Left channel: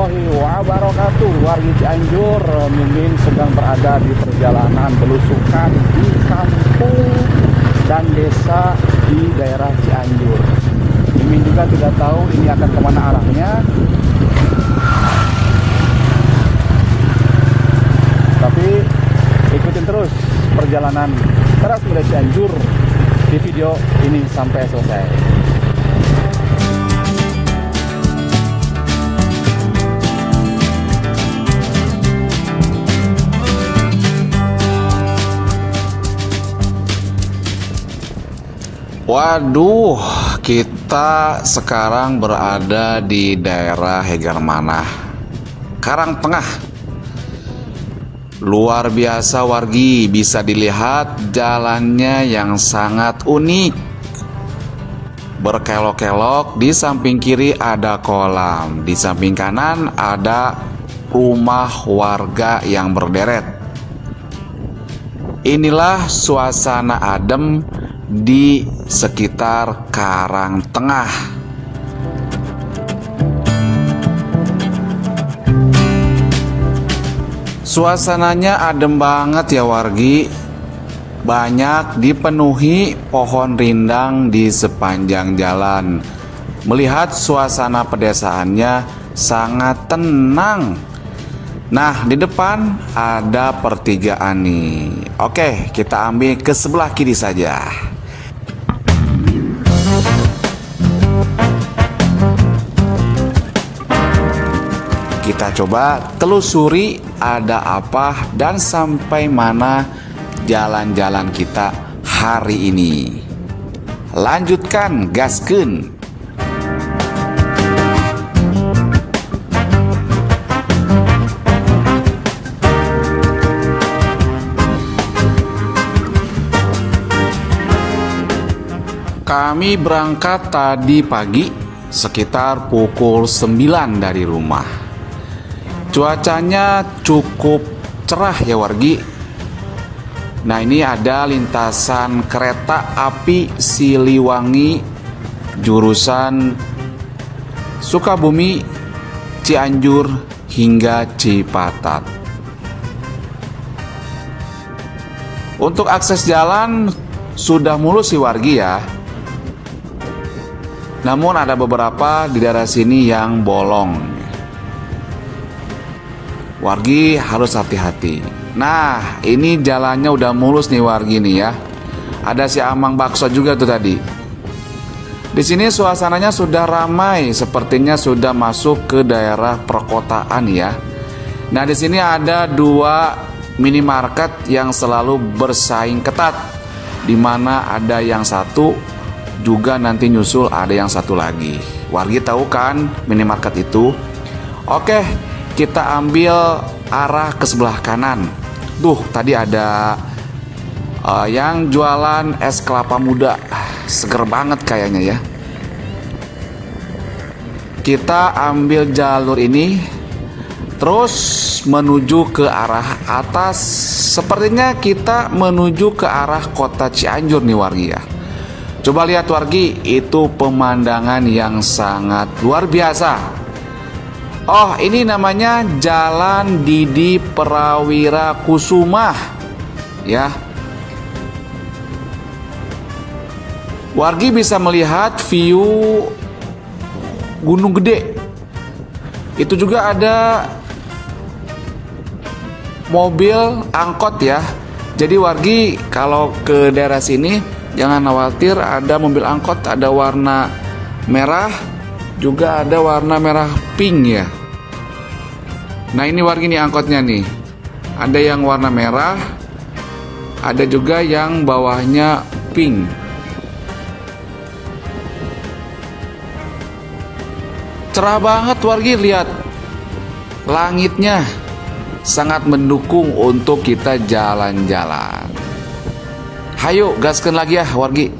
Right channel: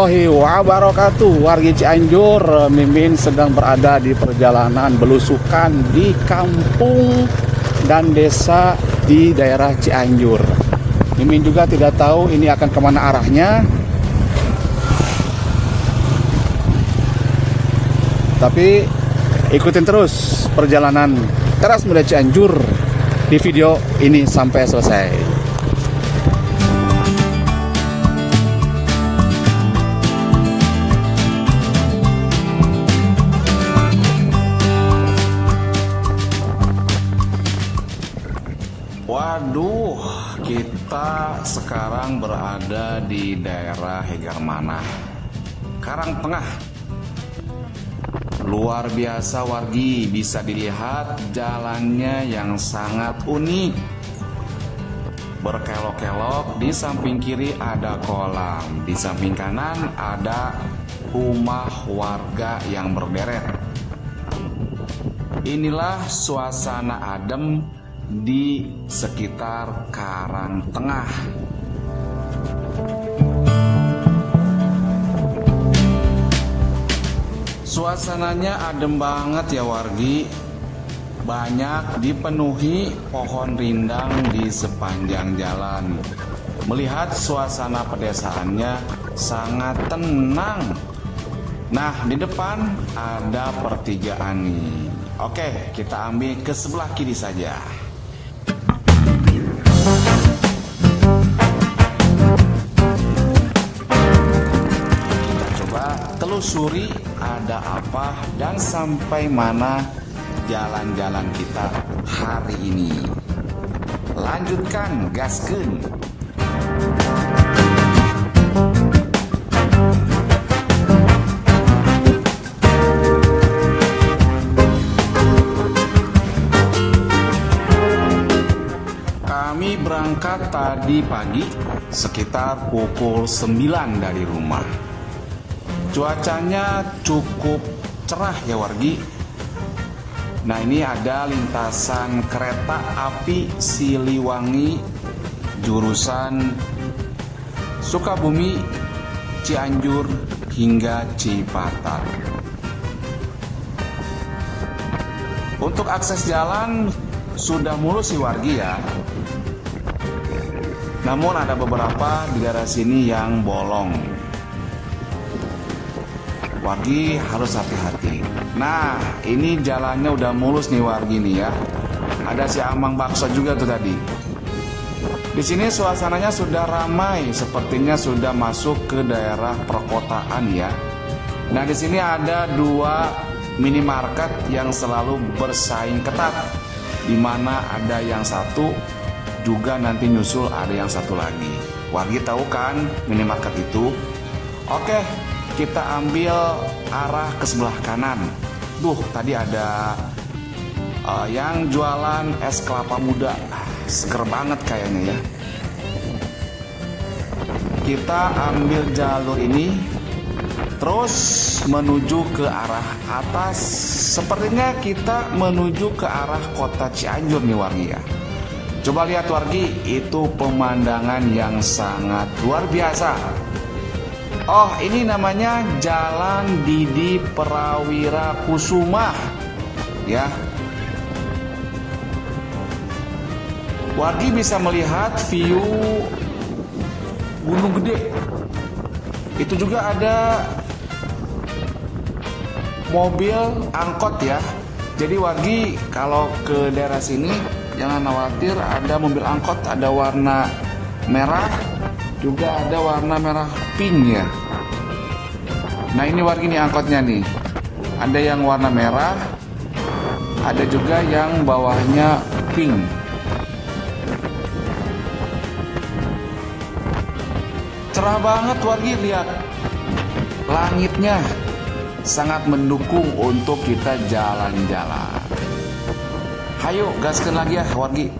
warahmatullahi wabarakatuh. Wargi Cianjur, Mimin sedang berada di perjalanan belusukan di kampung dan desa di daerah Cianjur. Mimin juga tidak tahu ini akan kemana arahnya, tapi ikutin terus perjalanan Teras Muda Cianjur di video ini sampai selesai. Waduh, kita sekarang berada di daerah Hegermanah, Karangtengah. Luar biasa wargi, bisa dilihat jalannya yang sangat unik. Berkelok-kelok, di samping kiri ada kolam, di samping kanan ada rumah warga yang berderet. Inilah suasana adem di sekitar Karangtengah. Suasananya adem banget ya wargi. Banyak dipenuhi pohon rindang di sepanjang jalan. Melihat suasana pedesaannya sangat tenang. Nah, di depan ada pertigaan nih. Oke, kita ambil ke sebelah kiri saja. Kita coba telusuri ada apa dan sampai mana jalan-jalan kita hari ini. Lanjutkan, gaskeun. Kami berangkat tadi pagi sekitar pukul 9 dari rumah. Cuacanya cukup cerah ya wargi. Nah, ini ada lintasan kereta api Siliwangi jurusan Sukabumi, Cianjur hingga Cipatat. Untuk akses jalan sudah mulus sih wargi ya. Namun ada beberapa di daerah sini yang bolong. Wargi harus hati-hati. Nah, ini jalannya udah mulus nih wargi nih ya. Ada si Amang Bakso juga tuh tadi. Di sini suasananya sudah ramai, sepertinya sudah masuk ke daerah perkotaan ya. Nah, di sini ada dua minimarket yang selalu bersaing ketat, di mana ada yang satu juga nanti nyusul ada yang satu lagi. Wargi tahu kan minimarket itu? Oke, kita ambil arah ke sebelah kanan. Tuh, tadi ada yang jualan es kelapa muda. Seger banget kayaknya ya. Kita ambil jalur ini terus menuju ke arah atas. Sepertinya kita menuju ke arah kota Cianjur nih wargi ya. Coba lihat wargi, itu pemandangan yang sangat luar biasa. Oh, ini namanya Jalan Didi Prawira Kusuma ya. Wargi bisa melihat view Gunung Gede. Itu juga ada mobil angkot ya. Jadi wargi kalau ke daerah sini jangan khawatir, ada mobil angkot, ada warna merah, juga ada warna merah pink ya. Nah, ini wargi nih angkotnya nih. Ada yang warna merah, ada juga yang bawahnya pink. Cerah banget wargi, lihat. Langitnya sangat mendukung untuk kita jalan-jalan. Hayo, gaskeun lagi ya wargi.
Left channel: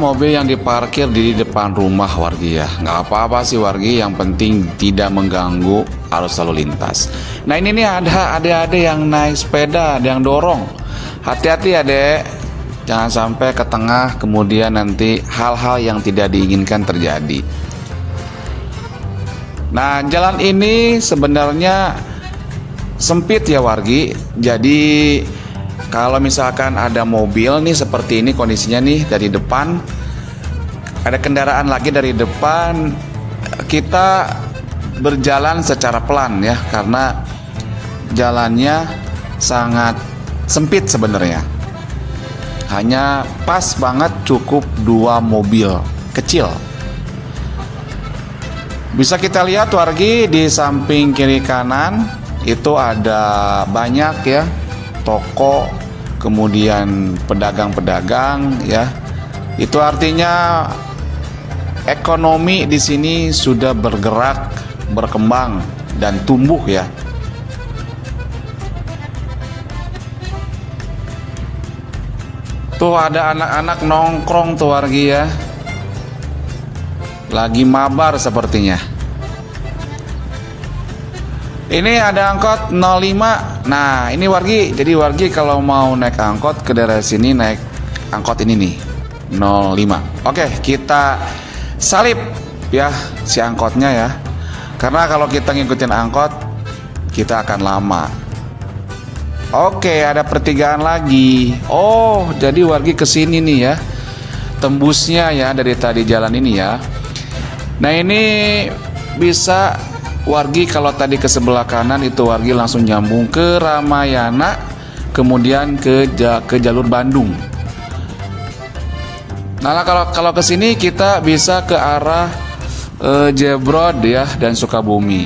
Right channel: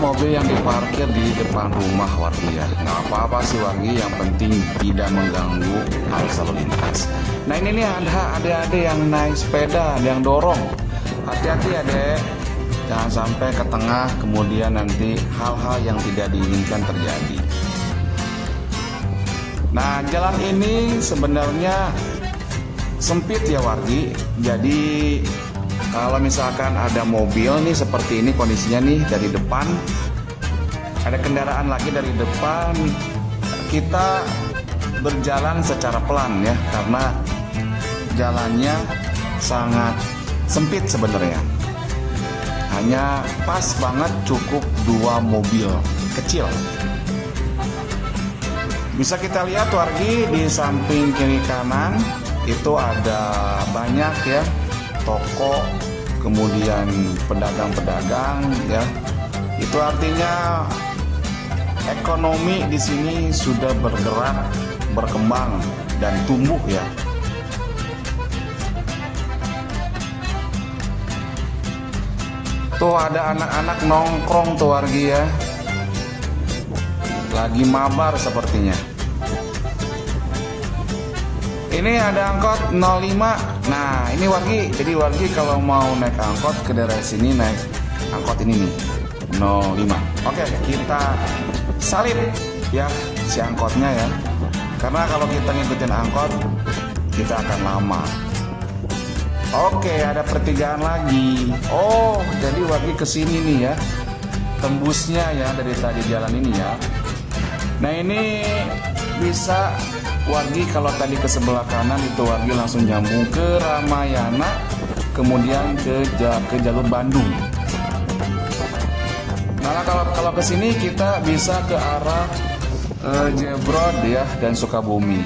mobil yang diparkir di depan rumah wargi ya. Nggak apa-apa sih wargi, yang penting tidak mengganggu arus lalu lintas. Nah ini nih ada adik-adik yang naik sepeda, ada yang dorong. Hati-hati adek, jangan sampai ke tengah kemudian nanti hal-hal yang tidak diinginkan terjadi. Nah jalan ini sebenarnya sempit ya wargi. Jadi kalau misalkan ada mobil nih seperti ini kondisinya nih dari depan, ada kendaraan lagi dari depan, kita berjalan secara pelan ya, karena jalannya sangat sempit sebenarnya. Hanya pas banget cukup 2 mobil kecil. Bisa kita lihat wargi di samping kiri kanan itu ada banyak ya toko, kemudian pedagang-pedagang ya. Itu artinya ekonomi di sini sudah bergerak, berkembang dan tumbuh ya. Tuh ada anak-anak nongkrong tuh wargi ya. Lagi mabar sepertinya. Ini ada angkot 05. Nah ini wargi, jadi wargi kalau mau naik angkot ke daerah sini naik angkot ini nih 05. Oke, kita salip ya si angkotnya ya, karena kalau kita ngikutin angkot kita akan lama. Oke, ada pertigaan lagi. Oh jadi wargi kesini nih ya, tembusnya ya dari tadi jalan ini ya. Nah ini bisa wargi kalau tadi ke sebelah kanan itu wargi langsung nyambung ke Ramayana, kemudian ke jalur Bandung. Nah kalau ke sini kita bisa ke arah Jebrod ya dan Sukabumi.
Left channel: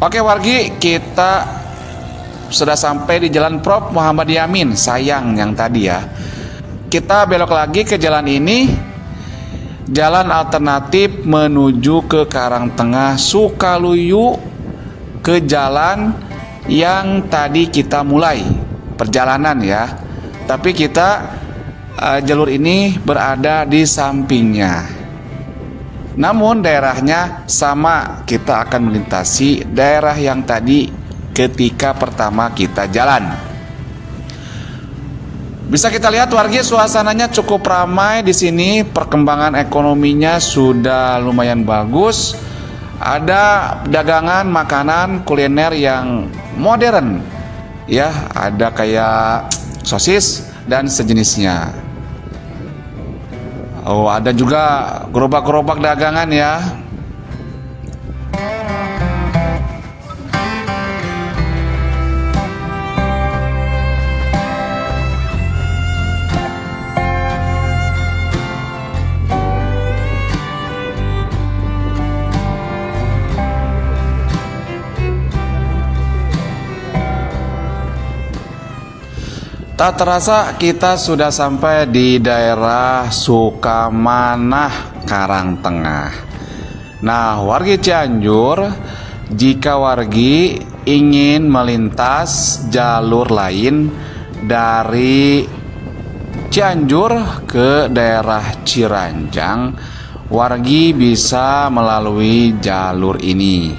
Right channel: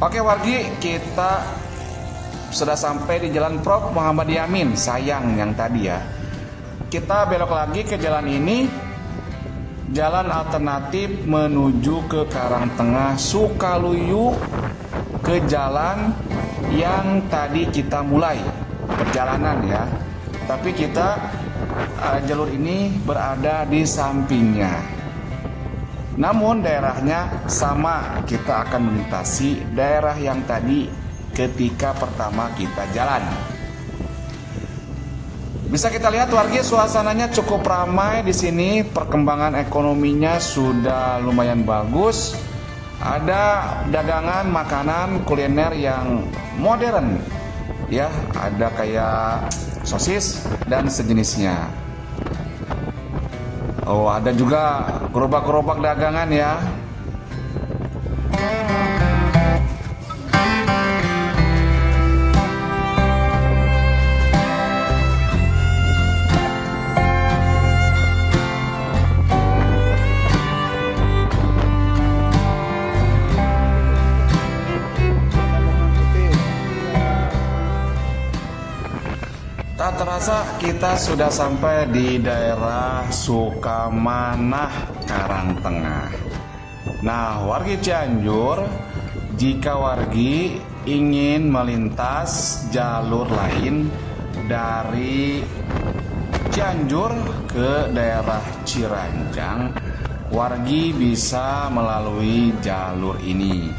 Oke wargi, kita sudah sampai di Jalan Prof. Muhammad Yamin. Sayang yang tadi ya. Kita belok lagi ke jalan ini. Jalan alternatif menuju ke Karangtengah Sukaluyu, ke jalan yang tadi kita mulai perjalanan ya. Tapi kita jalur ini berada di sampingnya. Namun daerahnya sama, kita akan melintasi daerah yang tadi ketika pertama kita jalan. Bisa kita lihat wargi, suasananya cukup ramai di sini, perkembangan ekonominya sudah lumayan bagus. Ada dagangan makanan kuliner yang modern ya, ada kayak sosis dan sejenisnya. Oh ada juga gerobak-gerobak dagangan ya. Tak terasa kita sudah sampai di daerah Sukamanah, Karangtengah. Nah, wargi Cianjur, jika wargi ingin melintas jalur lain dari Cianjur ke daerah Ciranjang, wargi bisa melalui jalur ini.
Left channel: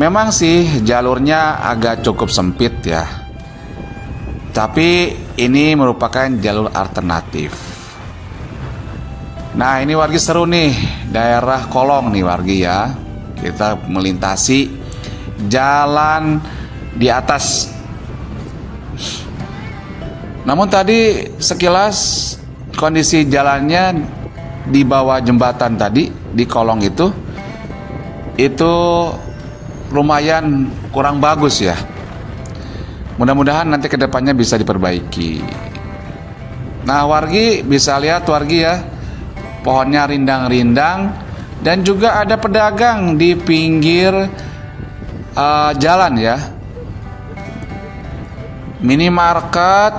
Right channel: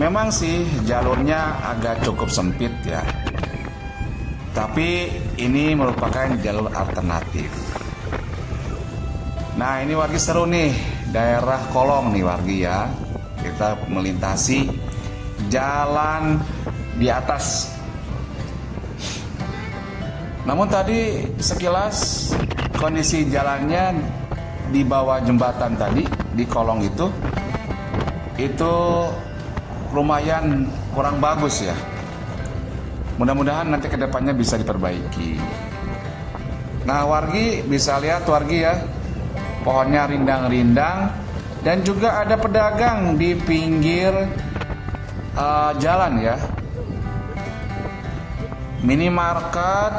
Memang sih jalurnya agak cukup sempit ya, tapi ini merupakan jalur alternatif. Nah ini wargi seru nih, daerah Kolong nih wargi ya. Kita melintasi jalan di atas. Namun tadi sekilas kondisi jalannya di bawah jembatan tadi di Kolong itu lumayan kurang bagus ya. Mudah-mudahan nanti kedepannya bisa diperbaiki. Nah wargi bisa lihat wargi ya, pohonnya rindang-rindang dan juga ada pedagang di pinggir jalan ya. Minimarket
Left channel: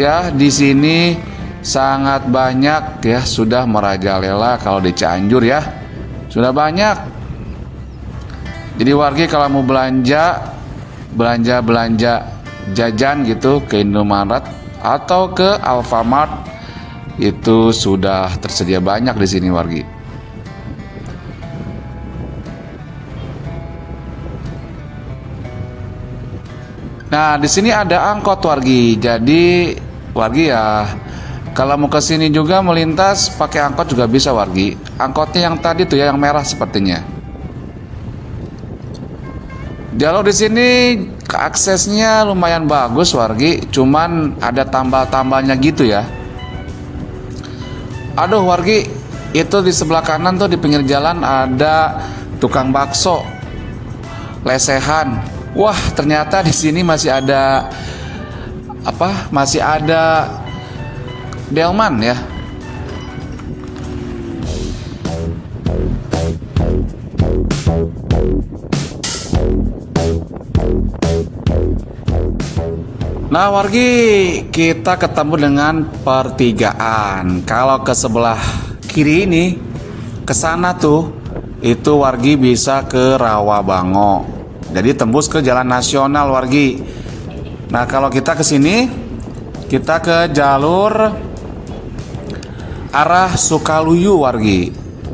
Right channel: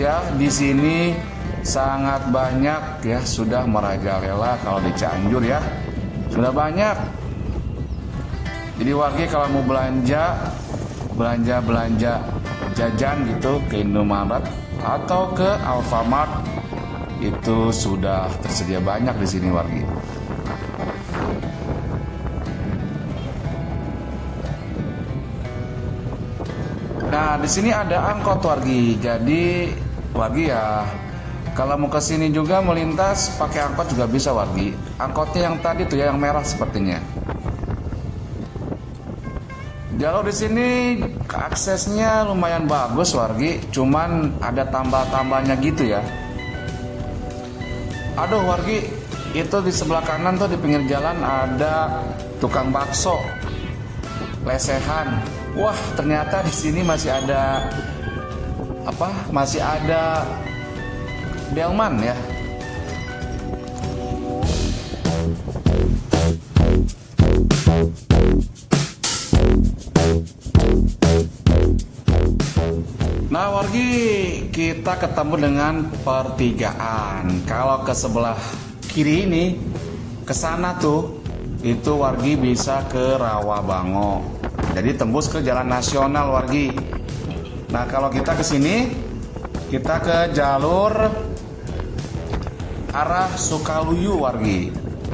ya di sini sangat banyak ya, sudah merajalela kalau di Cianjur ya, sudah banyak. Jadi wargi kalau mau belanja jajan gitu ke Indomaret atau ke Alfamart, itu sudah tersedia banyak di sini wargi. Nah, di sini ada angkot wargi. Jadi wargi ya, kalau mau ke sini juga melintas pakai angkot juga bisa wargi. Angkotnya yang tadi tuh ya, yang merah sepertinya. Jalur di sini aksesnya lumayan bagus wargi, cuman ada tambal-tambalnya gitu ya. Aduh wargi, itu di sebelah kanan tuh di pinggir jalan ada tukang bakso lesehan. Wah, ternyata di sini masih ada apa? Masih ada delman ya. Nah wargi, kita ketemu dengan pertigaan. Kalau ke sebelah kiri ini, ke sana tuh, itu wargi bisa ke Rawabango. Jadi tembus ke jalan nasional wargi. Nah kalau kita ke sini, kita ke jalur arah Sukaluyu wargi.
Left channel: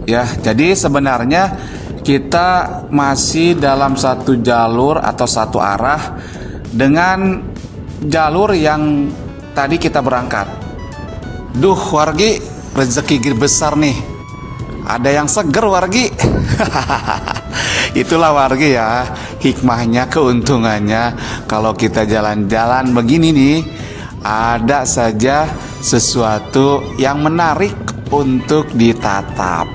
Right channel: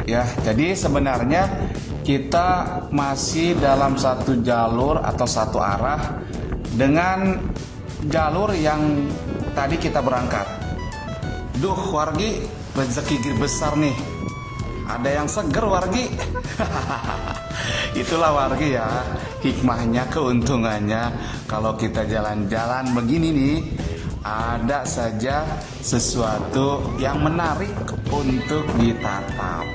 Ya, jadi sebenarnya kita masih dalam satu jalur atau satu arah dengan jalur yang tadi kita berangkat. Duh wargi, rezeki besar nih. Ada yang seger wargi. Itulah wargi ya, hikmahnya, keuntungannya kalau kita jalan-jalan begini nih, ada saja sesuatu yang menarik untuk ditatap.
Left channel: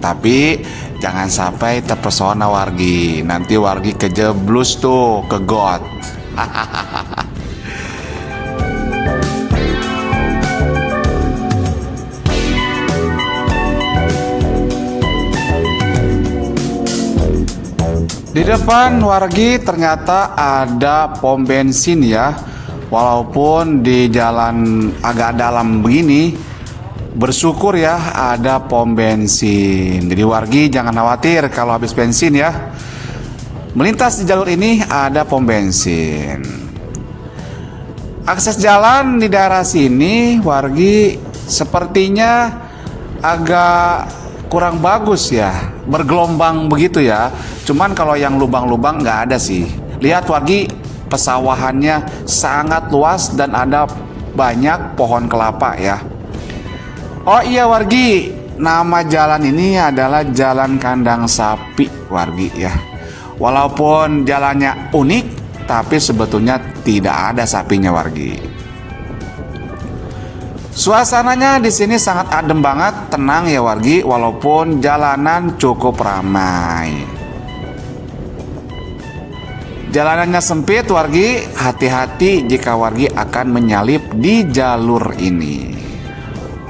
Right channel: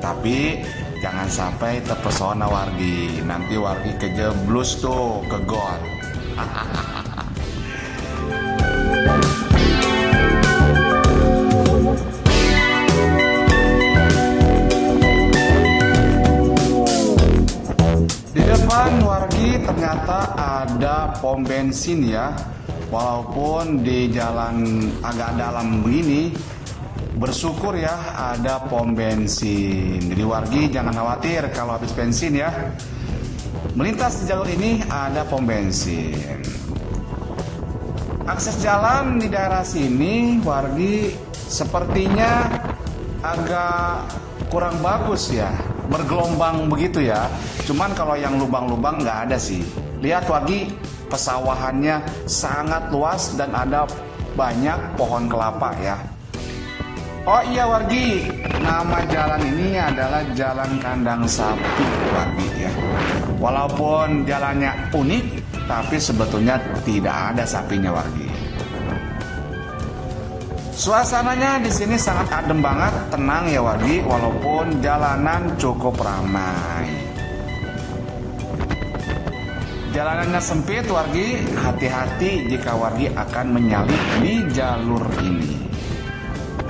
Tapi jangan sampai terpesona wargi, nanti wargi kejeblus tuh ke got. Di depan wargi ternyata ada pom bensin ya. Walaupun di jalan agak dalam begini, bersyukur ya ada pom bensin. Jadi wargi jangan khawatir kalau habis bensin ya. Melintas di jalur ini ada pom bensin. Akses jalan di daerah sini wargi sepertinya agak kurang bagus ya, bergelombang begitu ya. Cuman kalau yang lubang-lubang nggak ada sih. Lihat wargi, pesawahannya sangat luas dan ada banyak pohon kelapa ya. Oh iya wargi, nama jalan ini adalah Jalan Kandang Sapi wargi ya. Walaupun jalannya unik, tapi sebetulnya tidak ada sapinya wargi. Suasananya di sini sangat adem banget, tenang ya wargi, walaupun jalanan cukup ramai. Jalanannya sempit wargi, hati-hati jika wargi akan menyalip di jalur ini.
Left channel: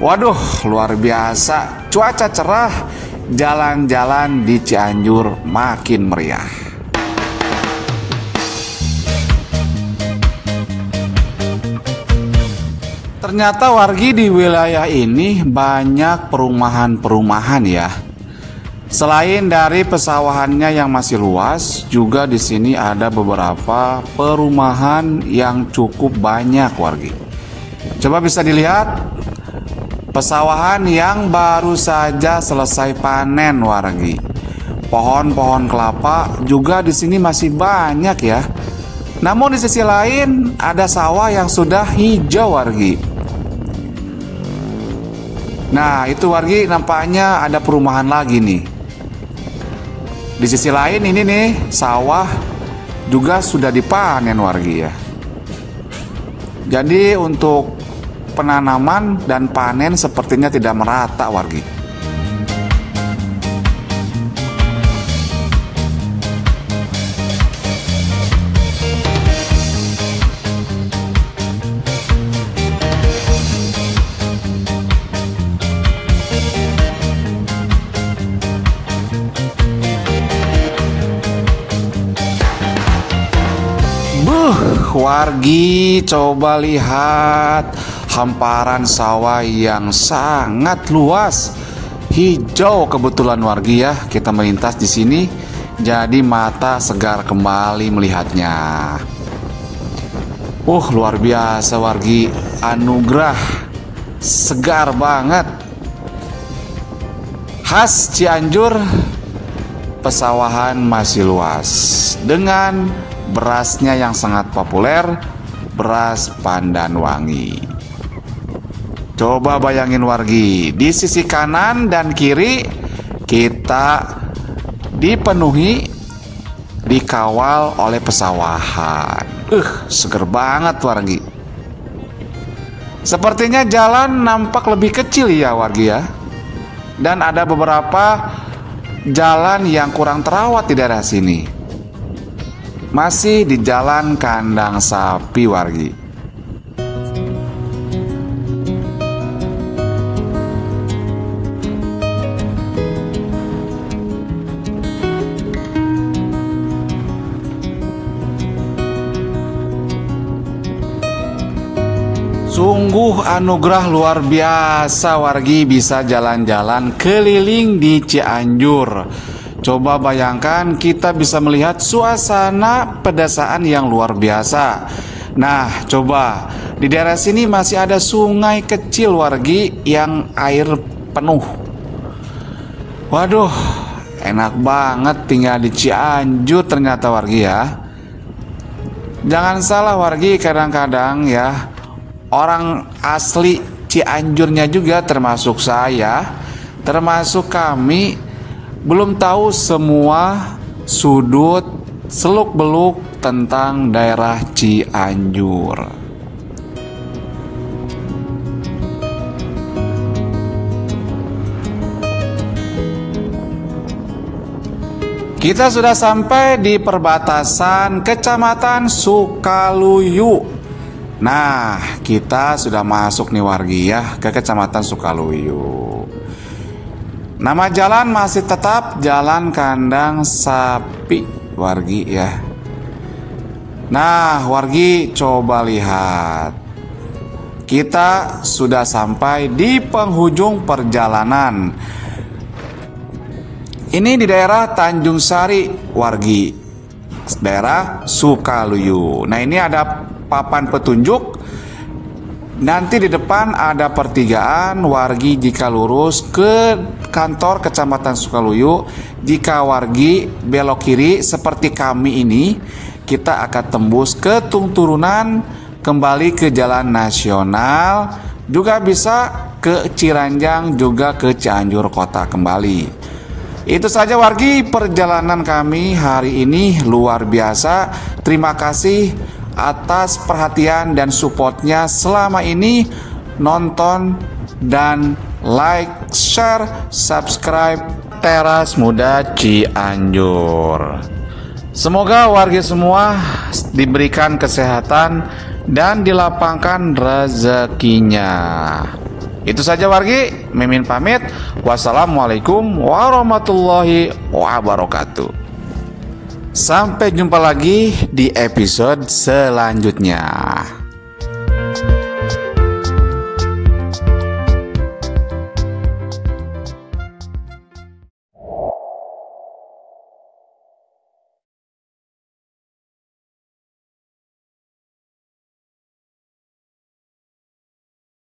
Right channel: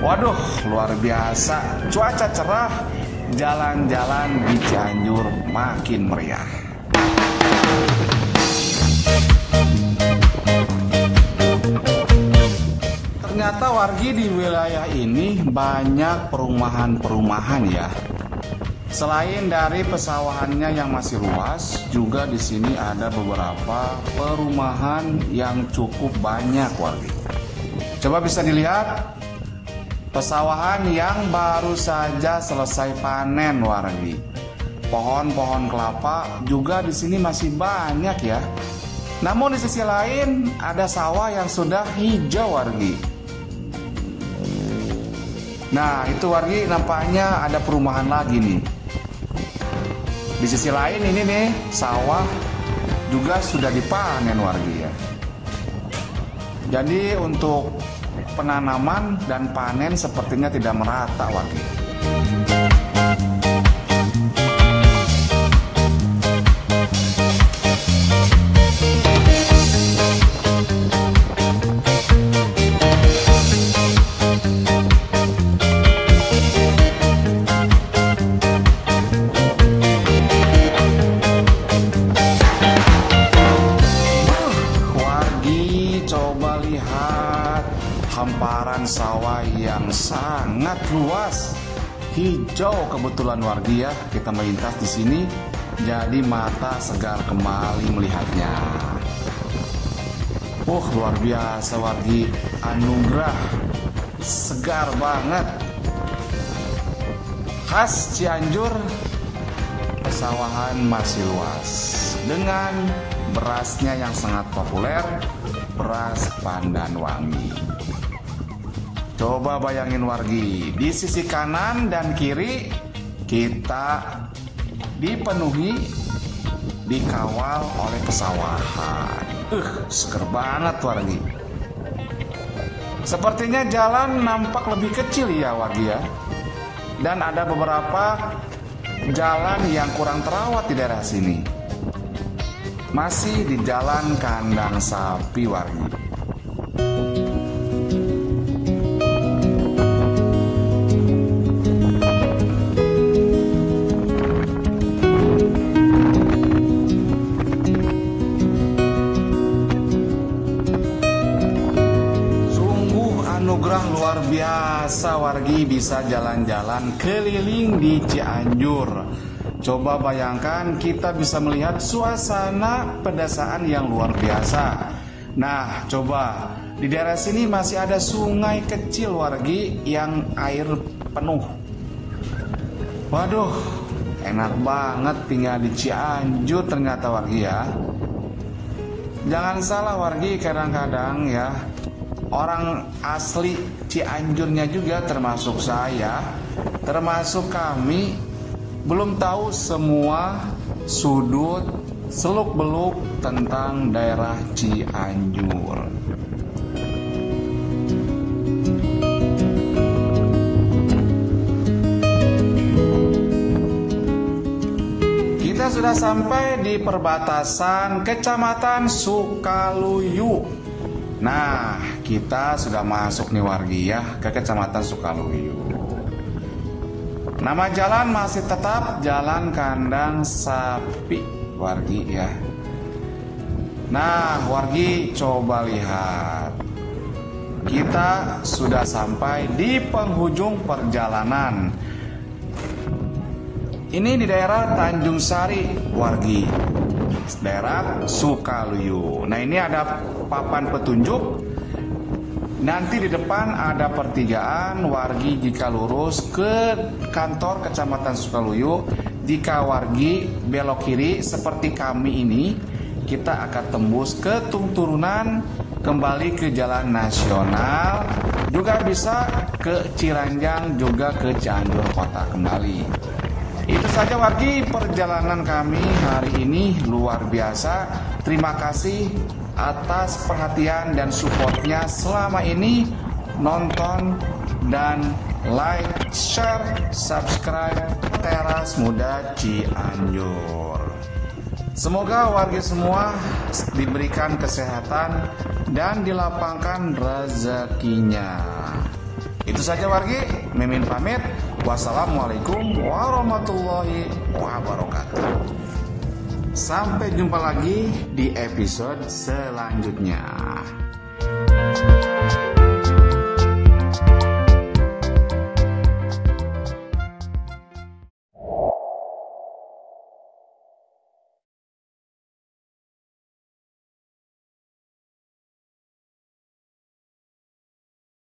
Waduh, luar biasa, cuaca cerah, jalan-jalan di Cianjur makin meriah. Ternyata wargi di wilayah ini banyak perumahan-perumahan ya. Selain dari pesawahannya yang masih luas, juga di sini ada beberapa perumahan yang cukup banyak wargi. Coba bisa dilihat pesawahan yang baru saja selesai panen wargi. Pohon-pohon kelapa juga di sini masih banyak ya. Namun di sisi lain ada sawah yang sudah hijau wargi. Nah itu wargi, nampaknya ada perumahan lagi nih. Di sisi lain ini nih sawah juga sudah dipanen wargi ya. Jadi untuk penanaman dan panen sepertinya tidak merata wargi. Coba lihat hamparan sawah yang sangat luas, hijau kebetulan wargi ya. Kita melintas di sini, jadi mata segar kembali melihatnya. Luar biasa wargi, anugerah segar banget. Khas Cianjur, pesawahan masih luas dengan berasnya yang sangat populer, beras Pandan Wangi. Coba bayangin wargi, di sisi kanan dan kiri kita dipenuhi, dikawal oleh pesawahan. Seger banget wargi. Sepertinya jalan nampak lebih kecil ya wargi ya. Dan ada beberapa jalan yang kurang terawat di daerah sini. Masih di jalan kandang sapi wargi. Sungguh anugerah luar biasa wargi bisa jalan-jalan keliling di Cianjur. Coba bayangkan kita bisa melihat suasana pedesaan yang luar biasa. Nah, coba di daerah sini masih ada sungai kecil wargi yang air penuh. Waduh, enak banget tinggal di Cianjur ternyata wargi ya. Jangan salah wargi, kadang-kadang ya orang asli Cianjurnya juga termasuk saya, termasuk kami, belum tahu semua sudut seluk-beluk tentang daerah Cianjur. Kita sudah sampai di perbatasan Kecamatan Sukaluyu. Nah, kita sudah masuk nih wargi ya ke Kecamatan Sukaluyu. Nama jalan masih tetap Jalan Kandang Sapi wargi ya. Nah, wargi coba lihat. Kita sudah sampai di penghujung perjalanan. Ini di daerah Tanjung Sari wargi, daerah Sukaluyu. Nah, ini ada papan petunjuk. Nanti di depan ada pertigaan wargi. Jika lurus ke kantor Kecamatan Sukaluyu, jika wargi belok kiri seperti kami ini, kita akan tembus ke Turunan, kembali ke Jalan Nasional, juga bisa ke Ciranjang, juga ke Cianjur kota kembali. Itu saja wargi perjalanan kami hari ini, luar biasa. Terima kasih atas perhatian dan supportnya selama ini. Nonton dan like, share, subscribe Teras Muda Cianjur. Semoga warga semua diberikan kesehatan dan dilapangkan rezekinya. Itu saja wargi, Mimin pamit. Wassalamualaikum warahmatullahi wabarakatuh. Sampai jumpa lagi di episode selanjutnya.